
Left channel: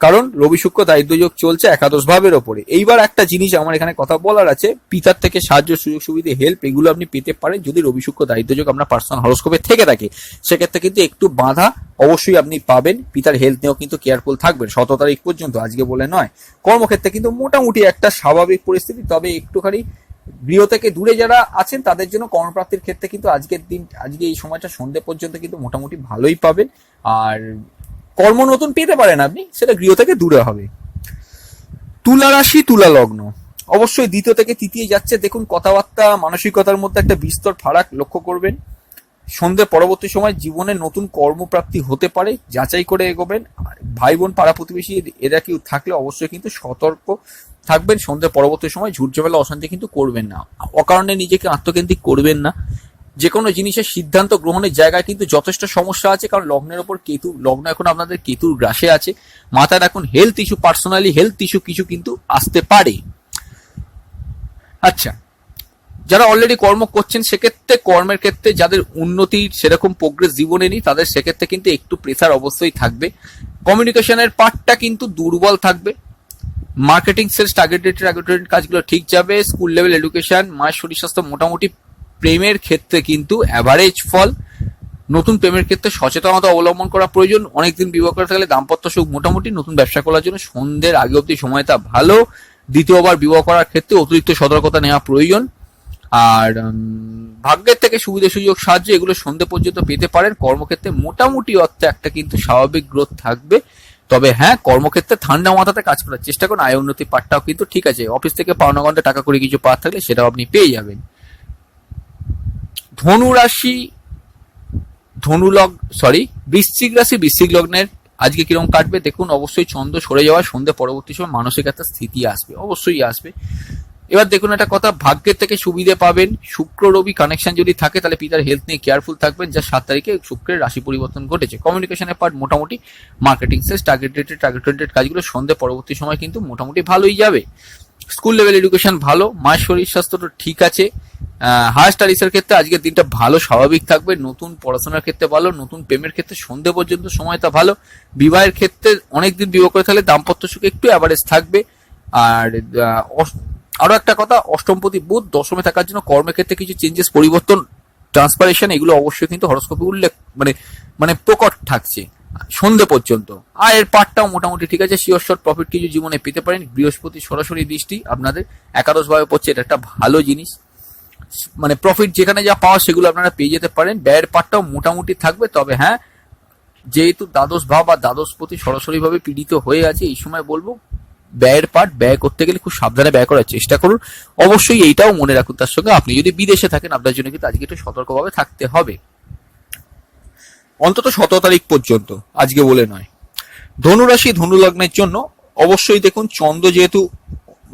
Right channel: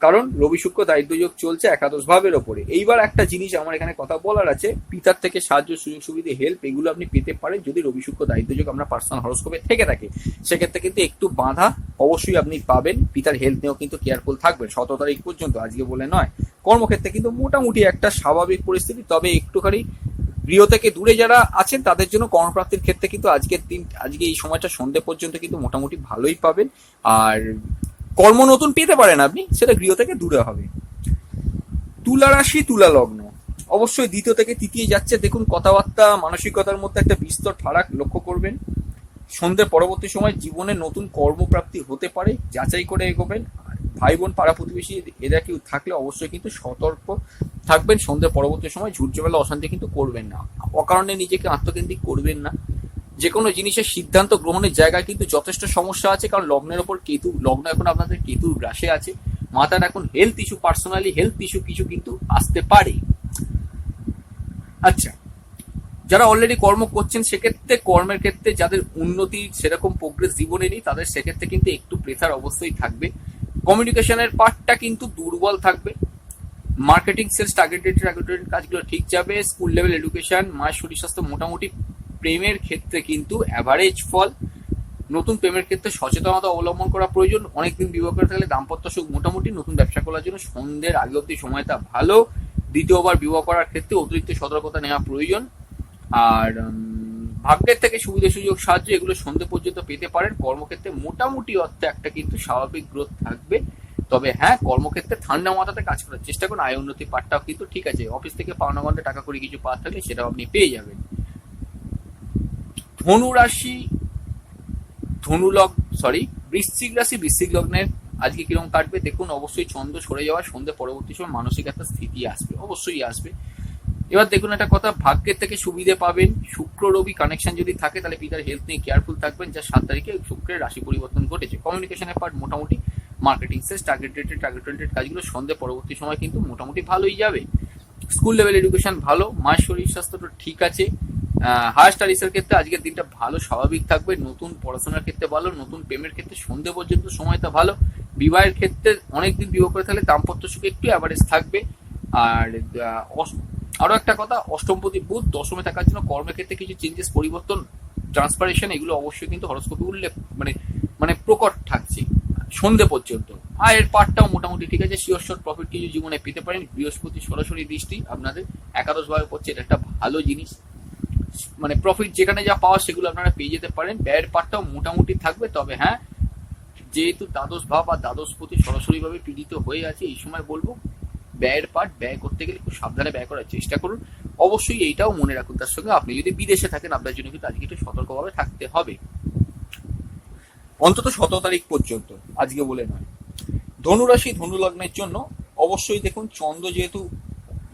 কারণ রবি শুক্র দারিদ্র যোগ চলছে একাদশ ভাবের ওপরে। এইবার একটা জিনিস আমার এখানে কথা বলার আছে, পিতার থেকে সাহায্য, সুযোগ সুবিধা, হেল্প এগুলো আপনি পেতে পারেন যদি রবি শুক্র দারিদ্র যোগ আপনার পার্সোনাল হরোস্কোপে থেকে থাকে। সেক্ষেত্রে কিন্তু একটু বাধা অবশ্যই আপনি পাবেন। পিতার হেলথ নিয়েও কিন্তু কেয়ারফুল থাকবেন 17 তারিখ পর্যন্ত, আজকে বলে নয়। কর্মক্ষেত্রে কিন্তু মোটামুটি একটা স্বাভাবিক পরিস্থিতি, তবে একটুখানি গৃহ থেকে দূরে যারা আছেন তাদের জন্য কর্মপ্রাপ্তির ক্ষেত্রে কিন্তু আজকে এই সময়টা সন্ধ্যে পর্যন্ত কিন্তু মোটামুটি ভালোই পাবেন। আর কর্ম নতুন পেতে পারেন আপনি, সেটা গৃহ থেকে দূরে হবে। তুলা রাশি তুলা লগ্ন, অবশ্যই দ্বিতীয় থেকে তৃতীয় যাচ্ছে। দেখুন কথাবার্তা মানসিকতার মধ্যে একটা বিস্তর ফারাক লক্ষ্য করবেন। সন্ধ্যের পরবর্তী সময় জীবনে নতুন কর্মপ্রাপ্তি হতে পারে, যাচাই করে এগোবেন। ভাই বোন পাড়া প্রতিবেশী এরা কেউ থাকলে অবশ্যই কিন্তু সতর্ক থাকবেন। সন্ধ্যের পরবর্তী সময় ঝুট ঝামেলা অশান্তি কিন্তু করবেন না, অকারণে নিজেকে আত্মকেন্দ্রিক করবেন না। যে কোনো জিনিসের সিদ্ধান্ত গ্রহণের জায়গায় কিন্তু যথেষ্ট সমস্যা আছে, কারণ লগ্নের ওপর কেতু, লগ্ন এখন আপনাদের কেতুর গ্রাসে আছে। মাথায় রাখুন health issue, personally health issue কিছু কিন্তু আসতে পারে। আচ্ছা, যারা অলরেডি কর্ম করছেন সেক্ষেত্রে কর্মের ক্ষেত্রে যাদের উন্নতির সেরকম প্রোগ্রেস জীবনে নেই তাদের সেক্ষেত্রে কিন্তু একটু প্রেসার অবশ্যই থাকবে। কমিউনিকেশনের পার্টটা কিন্তু দুর্বল থাকবে। মার্কেটিং, সেলস, টার্গেটেড কাজগুলো ঠিক যাবে। স্কুল লেভেল এডুকেশন, মায়ের শরীর স্বাস্থ্য মোটামুটি। প্রেমের ক্ষেত্রে কিন্তু অ্যাভারেজ ফল। নতুন প্রেমের ক্ষেত্রে সচেতনতা অবলম্বন করা প্রয়োজন। অনেকদিন বিবাহ করে থাকলে দাম্পত্য সুখ মোটামুটি। নতুন ব্যবসা করার জন্য সন্ধ্যের আগে অব্দি সময়টা ভালো। দ্বিতীয়বার বিবাহ করার ক্ষেত্রে অতিরিক্ত সতর্কতা নেওয়া প্রয়োজন। আর ভাগ্যের থেকে সুবিধা সুযোগ সাহায্য এগুলো সন্ধ্যে পর্যন্ত পেতে পারেন। কর্মক্ষেত্রে মোটামুটি অর্থে একটা কিন্তু স্বাভাবিক গ্রোথ থাকবে। তবে হ্যাঁ, কর্মক্ষেত্রে ঠান্ডা মাথাতে কাজ করার চেষ্টা করুন। আয় উন্নতির পাঠটাও কিন্তু ঠিক আছে। অফিস থেকে পাওনা ঘন্টা টাকা করে কিছু পাওয়ার থাকলে সেটাও আপনি পেয়ে যাবেন। ধনু রাশি বৃশ্চিক রাশি বৃশ্চিক লগ্নের আজকে কিরকম কাটবে দেখুন। অবশ্যই চন্দ্র সরে যাওয়া সন্ধ্যে পরবর্তী সময় মানসিক একটা স্থিতি আসবে, অবশ্যই আসবে। এবার দেখুন একটা কথা, ভাগ্যের থেকে সুবিধে পাবেন। শুক্র রবি কানেকশন যদি থাকে তাহলে পিতার হেলথ নিয়ে কেয়ারফুল থাকবেন, যা 7 তারিখে শুক্রের রাশি পরিবর্তন ঘটেছে। কমিউনিকেশনের পার্ট মোটামুটি। মার্কেটিং, সেলস, টার্গেটেড কাজগুলো সন্ধ্যে পরবর্তী সময় কিন্তু মোটামুটি ভালোই যাবে। স্কুল লেভেল এডুকেশন ভালো। মায়ের শরীর স্বাস্থ্যটা ঠিক আছে। হায়ার স্টাডিজের ক্ষেত্রে আজকের দিনটা ভালো, স্বাভাবিক থাকবে। নতুন পড়াশোনার ক্ষেত্রে ভালো। নতুন প্রেমের ক্ষেত্রে সন্ধ্যে পর্যন্ত সময়টা ভালো। বিবাহের ক্ষেত্রে অনেকদিন বিবাহ করে থাকলে দাম্পত্য সুখ একটু অ্যাভারেজ থাকবে। আর আরো একটা কথা, অষ্টমপতি বুধ দশমে থাকার জন্য কর্মের ক্ষেত্রে কিছু চেঞ্জেস, পরিবর্তন, ট্রান্সপারেশন এগুলো অবশ্যই কিন্তু হরোস্কোপে উল্লেখ মানে প্রকট থাকছে সন্ধ্যে পর্যন্ত। আয়ের পার্টটাও মোটামুটি ঠিক আছে। শিওর শর্ট প্রফিট কিছু জীবনে পেতে পারেন। বৃহস্পতি সরাসরি দৃষ্টি আপনাদের একাদশ ভাবে পড়ছে, এটা একটা ভালো জিনিস। মানে প্রফিট যেখানে যা পাওয়া সেগুলো আপনারা পেয়ে যেতে পারেন। ব্যয়ের পার্টটাও মোটামুটি থাকবে। তবে হ্যাঁ, যেহেতু দ্বাদশ ভাব আর দ্বাদশপতি সরাসরি ভাবে পীড়িত হয়ে আছে, এই সময় বলবো ব্যয়ের পার্ট ব্যয় করতে গেলে খুব সাবধানে ব্যয় করার চেষ্টা করুন। অবশ্যই এইটাও মনে রাখুন, তার সঙ্গে আপনি যদি বিদেশে থাকেন আপনার জন্য কিন্তু আজকে একটু সতর্কভাবে থাকতে হবে, অন্তত 17 তারিখ পর্যন্ত, আজকে বলে নয়। ধনুরাশি ধনু লগ্নের জন্য অবশ্যই দেখুন চন্দ্র যেহেতু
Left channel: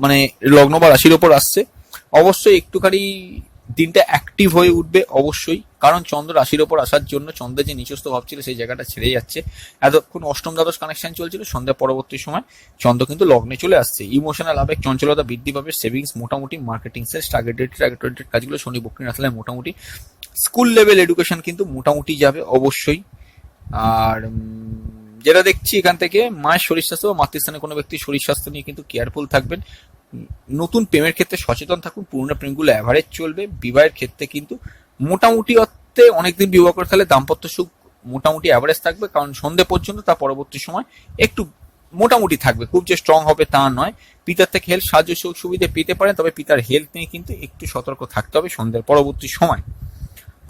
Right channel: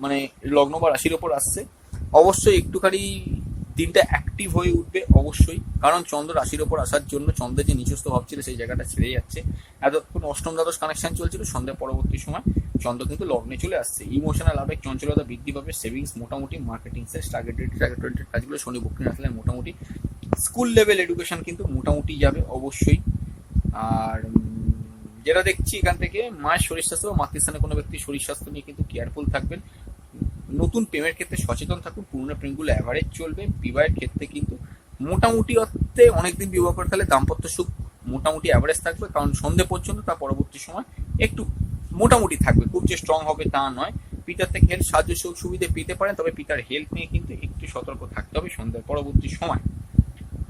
মানে লগ্ন বা রাশির ওপর আসছে, অবশ্যই একটুখানি দিনটা অ্যাক্টিভ হয়ে উঠবে অবশ্যই। কারণ চন্দ্র রাশির ওপর আসার জন্য চন্দ্রের যে নিচস্থ ভাব ছিল সেই জায়গাটা ছেড়ে যাচ্ছে। এতক্ষণ অষ্টম দ্বাদশ কানেকশন চলছিল, সন্ধ্যা পরবর্তী সময় চন্দ্র কিন্তু লগ্নে চলে আসছে। ইমোশনাল আবেগ চঞ্চলতা বৃদ্ধি পাবে। সেভিংস মোটামুটি। মার্কেটিং, সেলস, টার্গেটেড কাজগুলো শনি বক্রী রাখলে মোটামুটি। স্কুল লেভেল এডুকেশন কিন্তু মোটামুটি যাবে অবশ্যই। আর যেটা দেখছি এখান থেকে, মায়ের শরীর স্বাস্থ্য বা মাতৃস্থানে কোনো ব্যক্তির শরীর স্বাস্থ্য নিয়ে কিন্তু কেয়ারফুল থাকবেন। নতুন প্রেমের ক্ষেত্রে সচেতন থাকুন। পুরোনো প্রেমগুলো অ্যাভারেজ চলবে। বিবাহের ক্ষেত্রে কিন্তু মোটামুটি অর্থে অনেকদিন বিবাহ করে তাহলে দাম্পত্য সুখ মোটামুটি অ্যাভারেজ থাকবে, কারণ সন্ধ্যে পর্যন্ত, তার পরবর্তী সময় একটু মোটামুটি থাকবে, খুব যে স্ট্রং হবে তা নয়। পিতার থেকে হেল্প সাহায্য সুবিধা পেতে পারেন, তবে পিতার হেলথ নিয়ে কিন্তু একটু সতর্ক থাকতে হবে সন্ধ্যার পরবর্তী সময়।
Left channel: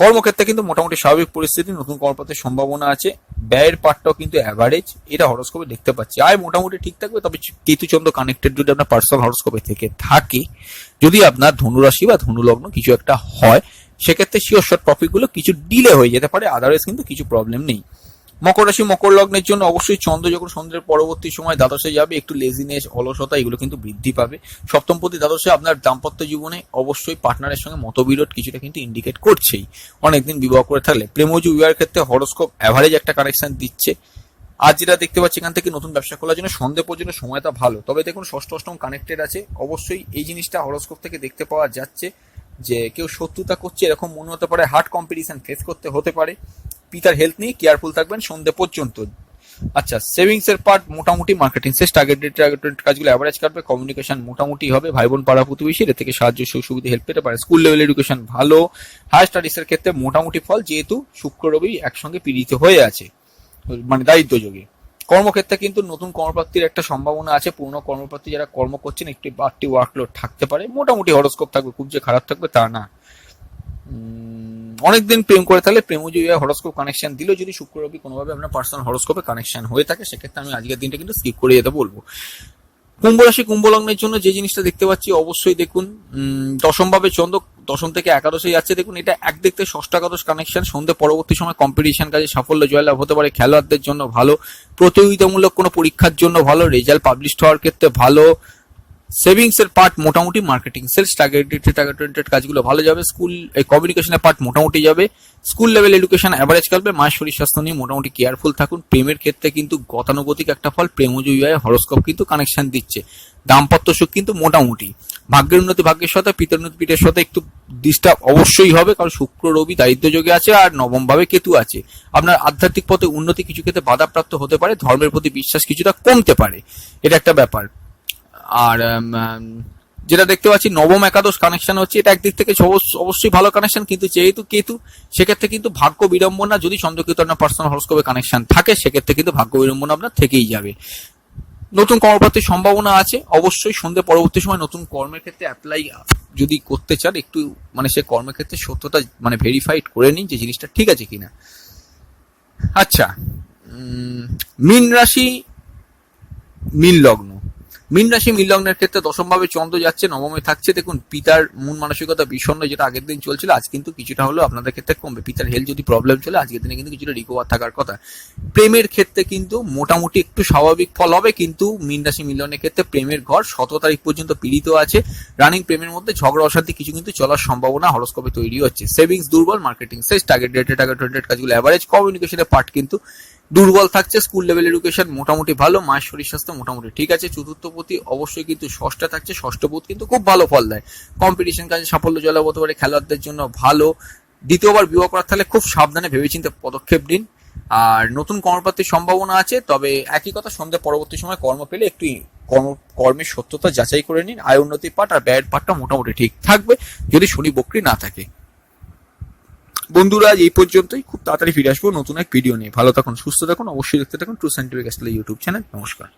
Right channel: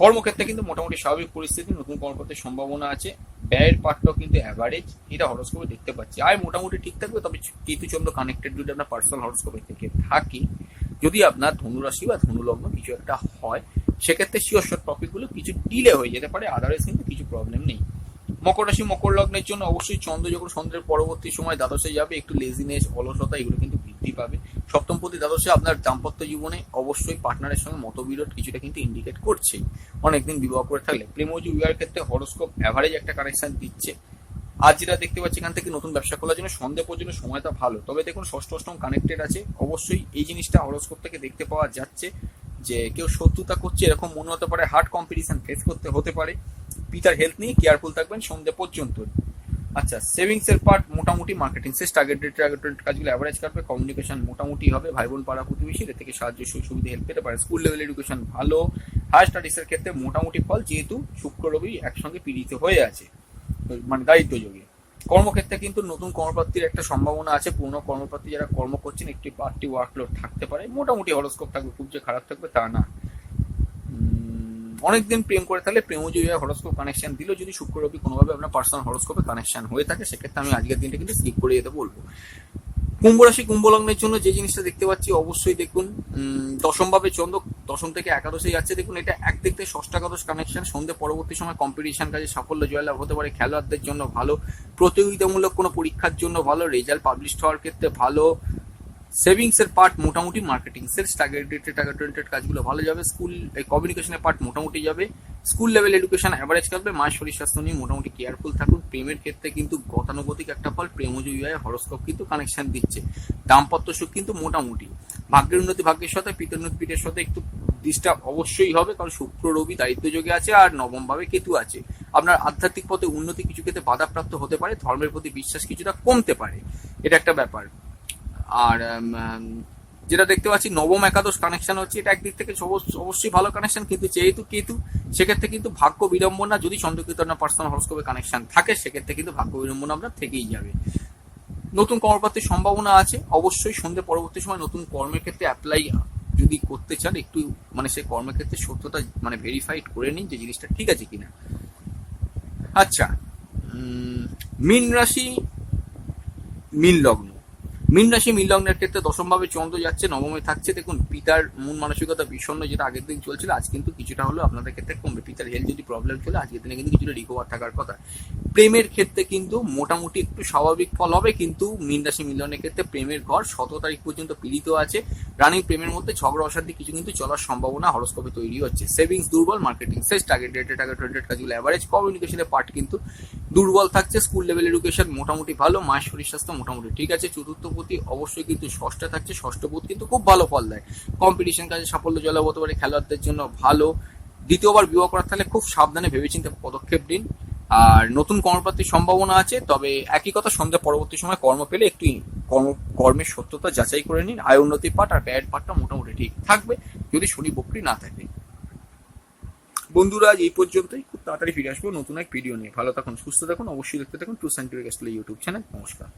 কর্মক্ষেত্রে কিন্তু মোটামুটি স্বাভাবিক পরিস্থিতি, নতুন কর্মপ্রাপ্তির সম্ভাবনা আছে। ব্যয়ের পার্টটাও কিন্তু অ্যাভারেজ, এটা হরোস্কোপে দেখতে পাচ্ছি। আয় মোটামুটি ঠিক থাকবে, তবে কেতুচন্দ্র কানেক্টেড যদি আপনার পার্সোনাল হরোস্কোপে থেকে থাকে, যদি আপনার ধনুরাশি বা ধনুলগ্ন কিছু একটা হয়, সেক্ষেত্রে শিওর শর্ট প্রফিটগুলো কিছু ডিলে হয়ে যেতে পারে, আদারওয়াইজ কিন্তু কিছু প্রবলেম নেই। মকর রাশি মকর লগ্নের জন্য অবশ্যই চন্দ্র যখন সন্ধ্যের পরবর্তী সময় দ্বাদশে যাবে, একটু লেজিনেস অলসতা এগুলো কিন্তু বৃদ্ধি পাবে। সপ্তমপতি দ্বাদশে আপনার দাম্পত্য জীবনে অবশ্যই পার্টনারের সঙ্গে মতবিরোধ কিছুটা কিন্তু ইন্ডিকেট করছেই। অনেকদিন বিবাহ করে থাকলে প্রেমজ বিবাহের ক্ষেত্রে হরোস্কোপ অ্যাভারেজ একটা কানেকশন দিচ্ছে। আজ যেটা দেখতে পাচ্ছি, এখান থেকে নতুন ব্যবসা খোলার জন্য সন্ধে পর্যন্ত সময়টা ভালো, তবে দেখুন ষষ্ঠ অষ্টম কানেক্টেড আছে। অবশ্যই এই জিনিসটা হরোস্কোপ থেকে দেখতে পাওয়া যাচ্ছে যে কেউ শত্রুতা করছে এরকম মনে হতে পারে, হার্ড কম্পিটিশন ফেস করতে হতে পারে। পিতার হেলথ নিয়ে কেয়ারফুল থাকবেন সন্ধ্যে পর্যন্ত। আচ্ছা, সেভিংস এর পার্ট মোটামুটি, মার্কেটিং শেষ, টার্গেটেড কাজগুলো অ্যাভারেজ কাটবে, কমিউনিকেশন মোটামুটি হবে, ভাই বোন পাড়া প্রতিবেশী এর থেকে সাহায্য সুবিধা হেল্প পেতে পারে। স্কুল লেভেল এডুকেশন ভালো, হায়ার স্টাডিজ এর ক্ষেত্রে মোটামুটি ফল, যেহেতু শুক্র রবি একসঙ্গে পীড়িত হয়ে আছে মানে দায়িত্ব যোগে। কর্মক্ষেত্রে কিন্তু নতুন কর্মপ্রাপ্তির একটা সম্ভাবনা আছে। পুরনো কর্মপ্রাপ্তি যারা কর্ম করছেন একটি বাড়তি ওয়ার্কলোড থাকতে পারে, মোটামুটি হরোস্কোপ থাকবে, খুব যে খারাপ থাকবে তা না। অনেকদিন প্রেম করে থাকলে প্রেমজ হরোস্কোপ কানেকশন দিল, যদি শুক্র রবি কোনোভাবে আপনার পার্সোনাল হরোস্কোপে কানেকশন হয়ে থাকে, সেক্ষেত্রে আমি আজকের দিনটা কিন্তু স্কিপ করে যেতে বলবো। কুম্ভ রাশি কুম্ভ লগ্নের জন্য যে জিনিসটা দেখতে পাচ্ছি, অবশ্যই দেখুন দশম ভাবে চন্দ্র দশম থেকে একাদশে যাচ্ছে। দেখুন এটা একদিক থেকে ষষ্ঠ একাদশ কানেকশন, সন্ধ্যে পরবর্তী সময় কম্পিটিশন কাজে সাফল্য জয়লাভ হতে পারে, খেলোয়াড়দের জন্য ভালো, প্রতিযোগিতামূলক কোনো পরীক্ষার জন্য ভালো, রেজাল্ট পাবলিশ হওয়ার ক্ষেত্রে ভালো। সেভিংস এর পার্ট মোটামুটি, মার্কেটিং সেলস টার্গেটেড কাজগুলো ভালো যাবে, স্কুল কমিউনিকেশনের পার্ট মোটামুটি যাবে, স্কুল লেভেল এডুকেশন অ্যাভারেজ কাটবে। মায়ের শরীর স্বাস্থ্য নিয়ে মোটামুটি কেয়ারফুল থাকুন। প্রেমের ক্ষেত্রে কিন্তু গতানুগতিক একটা ফল, প্রেমজ বিবাহে হরোস্কোপ কিন্তু কানেকশন দিচ্ছে। দাম্পত্য সুখ কিন্তু মোটামুটি, ভাগ্যের উন্নতি ভাগ্যের সাথে, পিতার উন্নতি পিঠের সাথে একটু ডিস্টার্ব অবশ্যই হবে, কারণ শুক্র রবি দায়িত্ব যোগে আছে আর নবম ভাবে কেতু আছে। আপনার আধ্যাত্মিক পথে উন্নতি কিছু ক্ষেত্রে বাধাপ্রাপ্ত হতে পারে, ধর্মের প্রতি বিশ্বাস কিছুটা কমতে পারে, এটা একটা ব্যাপার। আর যেটা দেখতে পাচ্ছি নবম একাদশ কানেকশন হচ্ছে, এটা একদিক থেকে অবশ্যই ভালো কানেকশন, কিন্তু যেহেতু কেতু সেক্ষেত্রে কিন্তু ভাগ্য বিড়ম্বনা, যদি চন্দ্রকেতু আপনার পার্সোনাল হরোস্কোপে কানেকশন থাকে, সেক্ষেত্রে কিন্তু ভাগ্য বিড়ম্বনা আপনার থেকেই যাবে। নতুন কর্মপ্রাপ্তির সম্ভাবনা আছে, অবশ্যই সন্ধ্যে পরবর্তী সময় নতুন কর্মের ক্ষেত্রে অ্যাপ্লাই যদি করতে চান, একটু মানে সে কর্মের ক্ষেত্রে সত্যতা মানে ভেরিফাইড করে নিন যে জিনিসটা ঠিক আছে কিনা। আচ্ছা, মীন রাশি মীন লগ্ন, মীন রাশি মীন লগ্নের ক্ষেত্রে দশম ভাবে চন্দ্র যাচ্ছে, নবমে থাকছে। দেখুন পিতার মন মানসিকতা বিষণ্ণ, যেটা আগের দিন চলছিল আজ কিন্তু কিছুটা হলেও আপনাদের ক্ষেত্রে কমবে। পিতার হেলথ যদি প্রবলেম চলে, আজকের দিনে কিন্তু কিছুটা রিকভার থাকার কথা। প্রেমের ক্ষেত্রে কিন্তু মোটামুটি একটু স্বাভাবিক ফল হবে, কিন্তু মীন রাশি মীন লগ্নের ক্ষেত্রে প্রেমের ঘর 17 তারিখ পর্যন্ত পীড়িত আছে। রানিং প্রেমের মধ্যে ঝগড়া অশান্তি কিছু কিন্তু চলার সম্ভাবনা হরোস্কোপে তৈরি হচ্ছে। সেভিংস দুর্বল, মার্কেটিং শেষ, টার্গেটেড কাজগুলো অ্যাভারেজ, কমিউনিকেশনের পার্ট কিন্তু দুর্বল থাকছে। স্কুল লেভেল এডুকেশন মোটামুটি ভালো, মায়ের শরীর স্বাস্থ্য মোটামুটি ঠিক আছে। চতুর্থপতি অবশ্যই কিন্তু ষষ্ঠে থাকছে, ষষ্ঠপদ কিন্তু খুব ভালো ফল দেয়। কম্পিটিশন কাজে সাফল্য জয়লাভ হতে পারে, খেলোয়াড়দের জন্য ভালো। দ্বিতীয়বার বিবাহ করার থাকলে খুব সাবধানে ভেবেচিন্তে পদক্ষেপ দিন। আর নতুন কর্মপ্রাপ্তির সম্ভাবনা আছে, তবে একই কথা, সন্ধ্যা পরবর্তী সময় কর্ম পেলে একটু কর্মের সত্যতা যাচাই করে নিন। আয় উন্নতির পাঠ আর ব্যয়ের পাঠটা মোটামুটি ঠিক থাকবে, যদি শনি বক্রী না থাকে। বন্ধুরা, এই পর্যন্তই, খুব তাড়াতাড়ি ফিরে আসবো নতুন এক ভিডিও নিয়ে। ভালো থাকুন, সুস্থ থাকুন, অবশ্যই দেখতে থাকুন ট্রু সায়েন্টিফিক ইউটিউব চ্যানেল। নমস্কার।